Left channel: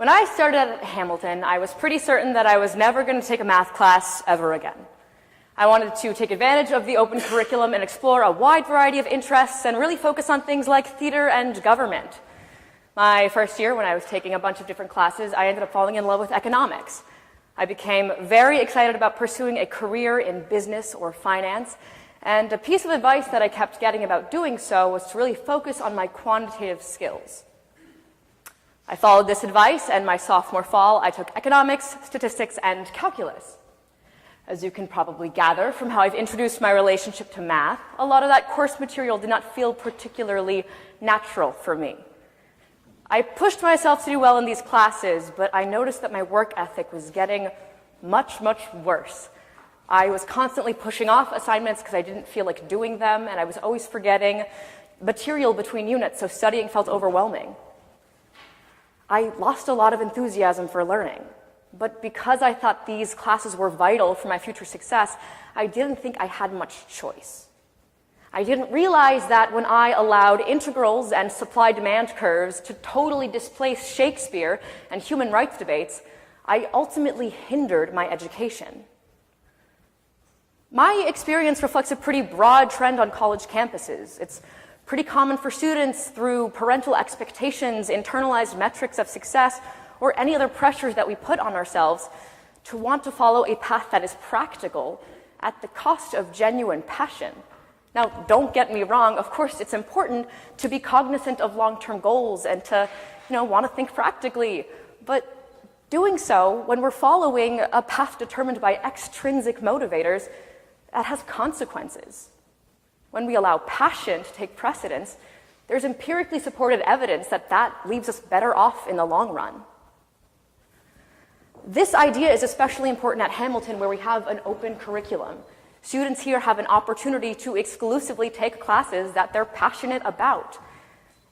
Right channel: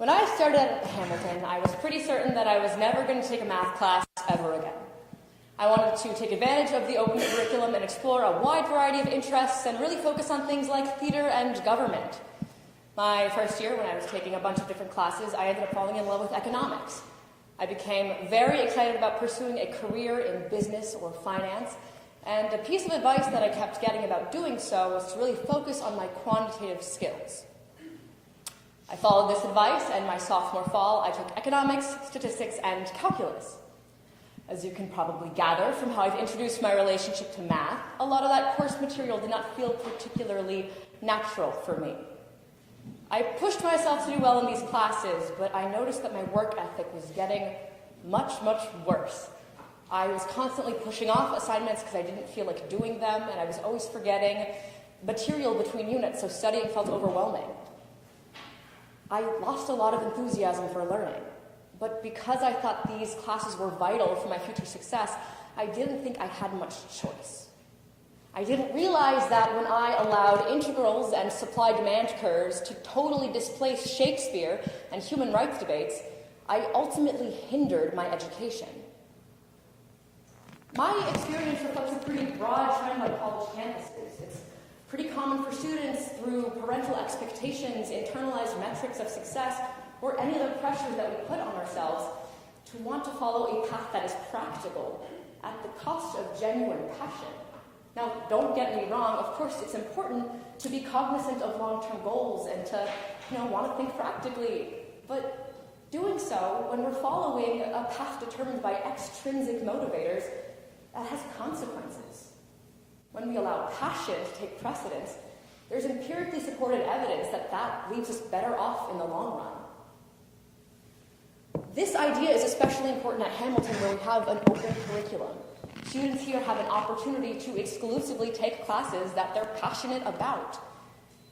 When I started at Hamilton, I was pretty certain that I was never going to take a math class ever again. I wanted to take advantage of the open curriculum and explore a wide variety of interests and really focus on things like theater and government. My first year, when I was taking a bunch of different classes, I ended up falling in love with economics. I became very excited about pursuing a career in business or finance, and a piece of advice that I kept getting about doing so was to really focus on my quantitative skills. I followed this advice, and my sophomore fall, I took economics, statistics, and calculus. As you can probably gather from how I've introduced my relationship to math, a lot of that course material did not feel particularly natural for me. I pushed myself to do well in these classes, but I noticed that my work ethic was getting much, much worse. I was constantly pushing off assignments because I didn't feel like doing them, and I was always forgetting material between units, so studying felt overwhelming. I lost a lot of enthusiasm for learning, but because I thought these classes were vital for my future success, I didn't think I had much choice. I didn't realize that when I allowed integrals and supply-demand curves to totally displace Shakespeare and human rights debates, I ultimately hindered my education. My experience reflects a pretty broad trend on college campuses. It's pretty common for students, through parental expectations, internalized metrics of success, or any other pressures that we put on ourselves, to want to follow a path that is practical at the cost of genuine passion. Now, don't get me wrong, of course it's important to be cognizant of long-term goals and to, want to think practically, but doing so when we're following a path determined by extrinsic motivators, that has consequences. When we allow passion to take precedence, there's empirically supported evidence that that leaves us better off in the long run. This idea is especially important at Hamilton, where we have an open curriculum. Students here have an opportunity to exclusively take classes that they're passionate about.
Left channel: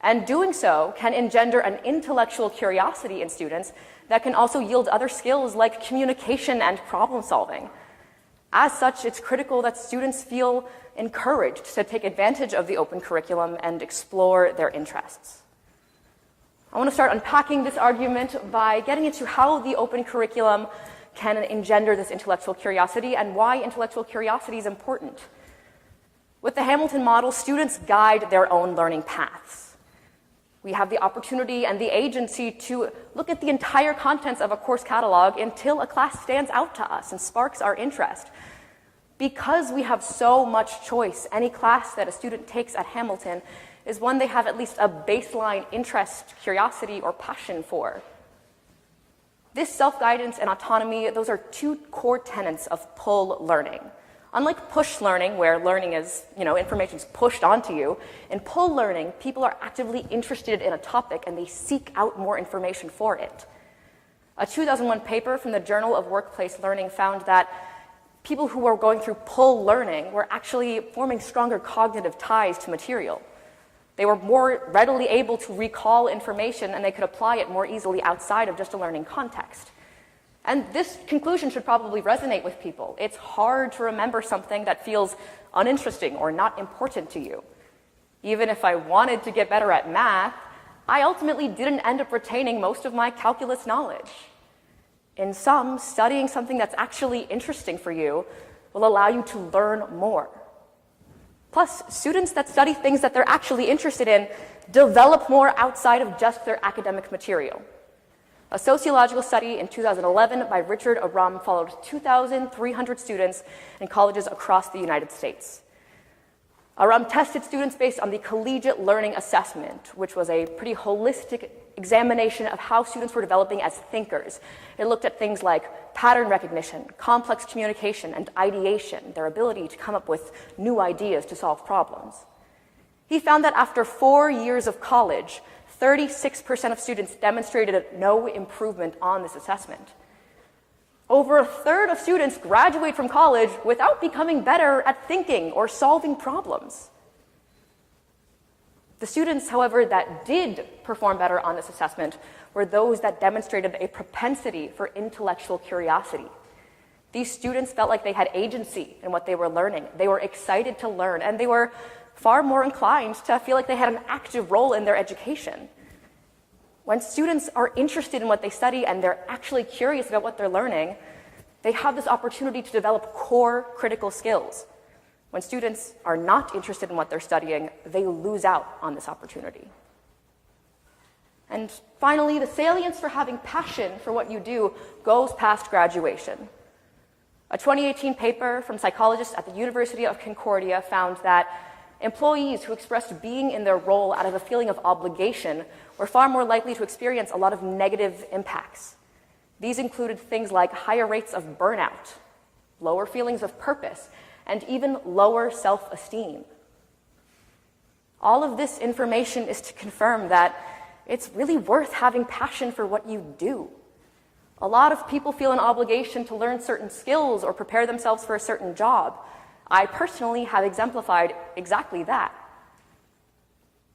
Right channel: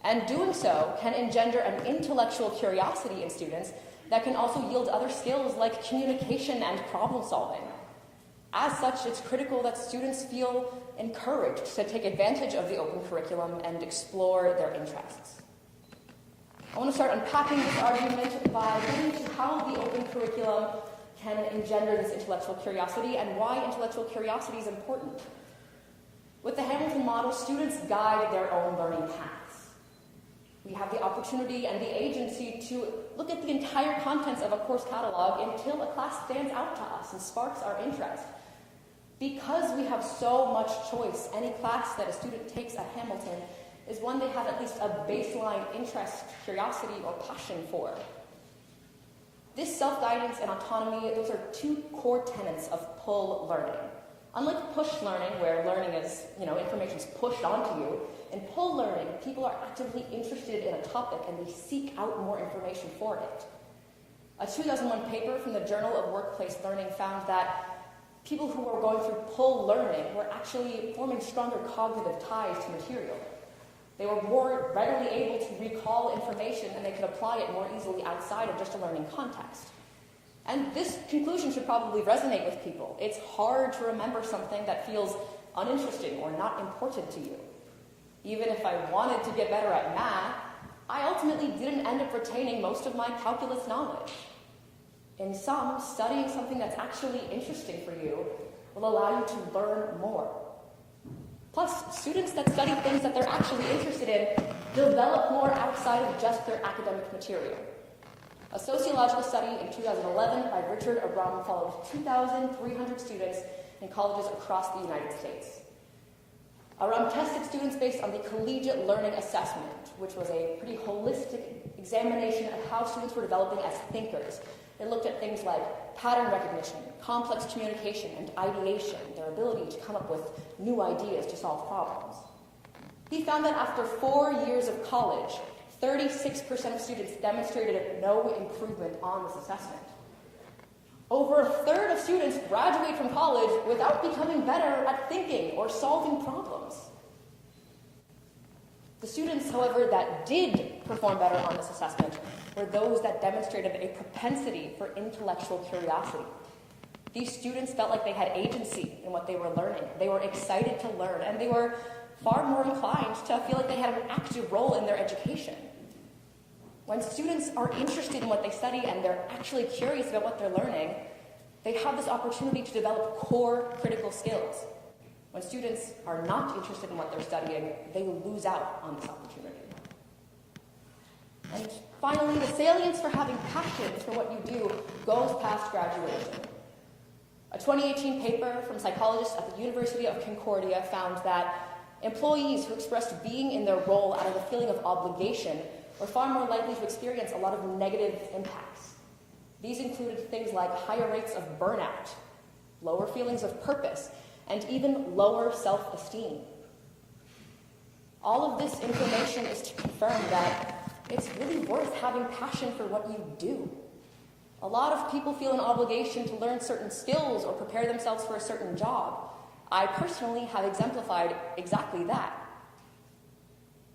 And doing so can engender an intellectual curiosity in students that can also yield other skills like communication and problem solving. As such, it's critical that students feel encouraged to take advantage of the open curriculum and explore their interests. I want to start unpacking this argument by getting into how the open curriculum can engender this intellectual curiosity and why intellectual curiosity is important. With the Hamilton model, students guide their own learning paths. We have the opportunity and the agency to look at the entire contents of a course catalog until a class stands out to us and sparks our interest. Because we have so much choice, any class that a student takes at Hamilton is one they have at least a baseline interest, curiosity, or passion for. This self-guidance and autonomy, those are two core tenets of pull learning. Unlike push learning, where learning is, information's pushed onto you, in pull learning, people are actively interested in a topic and they seek out more information for it. A 2001 paper from the Journal of Workplace Learning found that people who were going through pull learning were actually forming stronger cognitive ties to material. They were more readily able to recall information, and they could apply it more easily outside of just a learning context. And this conclusion should probably resonate with people. It's hard to remember something that feels uninteresting or not important to you. Even if I wanted to get better at math, I ultimately didn't end up retaining most of my calculus knowledge. In sum, studying something that's actually interesting for you will allow you to learn more. Plus, students that study things that they're actually interested in develop more outside of just their academic material. A sociological study in 2011 by Richard Abram followed 2,300 students in colleges across the United States. Aram tested students based on the Collegiate Learning Assessment, which was a pretty holistic examination of how students were developing as thinkers. It looked at things like pattern recognition, complex communication, and ideation, their ability to come up with new ideas to solve problems. He found that after 4 years of college, 36% of students demonstrated no improvement on this assessment. Over a third of students graduate from college without becoming better at thinking or solving problems. The students, however, that did perform better on this assessment were those that demonstrated a propensity for intellectual curiosity. These students felt like they had agency in what they were learning. They were excited to learn, and they were far more inclined to feel like they had an active role in their education. When students are interested in what they study and they're actually curious about what they're learning, they have this opportunity to develop core critical skills. When students are not interested in what they're studying, they lose out on this opportunity. And finally, the salience for having passion for what you do goes past graduation. A 2018 paper from psychologists at the University of Concordia found that employees who expressed being in their role out of a feeling of obligation were far more likely to experience a lot of negative impacts. These included things like higher rates of burnout, lower feelings of purpose, and even lower self-esteem. All of this information is to confirm that it's really worth having passion for what you do. A lot of people feel an obligation to learn certain skills or prepare themselves for a certain job. I personally have exemplified exactly that.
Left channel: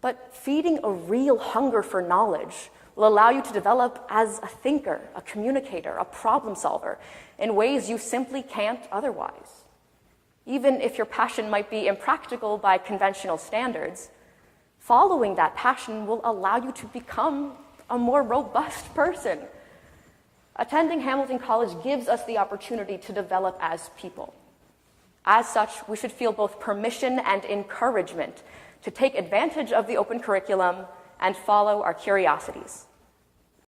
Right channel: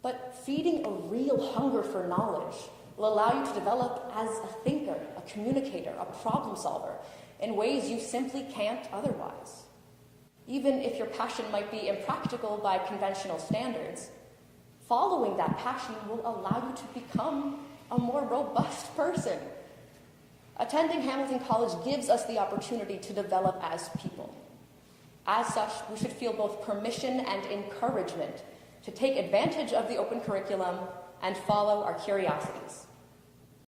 But feeding a real hunger for knowledge will allow you to develop as a thinker, a communicator, a problem solver in ways you simply can't otherwise. Even if your passion might be impractical by conventional standards, following that passion will allow you to become a more robust person. Attending Hamilton College gives us the opportunity to develop as people. As such, we should feel both permission and encouragement to take advantage of the open curriculum and follow our curiosities.